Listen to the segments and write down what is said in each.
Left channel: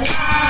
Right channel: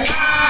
Bye.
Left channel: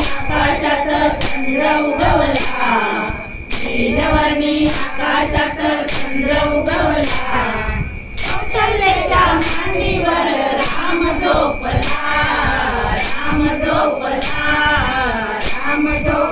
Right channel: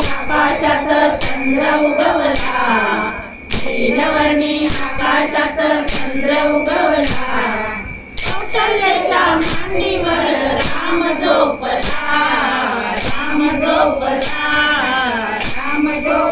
आकाशात चंद्र उगवला नीलवर्णी आकाशात चंद्र उगवला. कौशल्याच्या मांडीवर राम झोपला राम झोपला राम झोप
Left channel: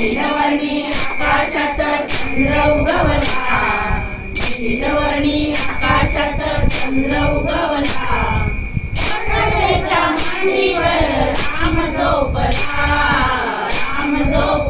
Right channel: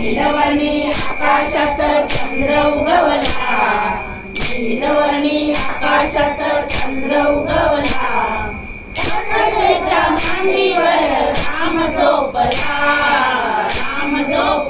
नीलवर्णी आकाशात चंद्र उगवला नीलवर्णी आकाशात चंद्र उगवला मांडीवर राम झोपला राम झोप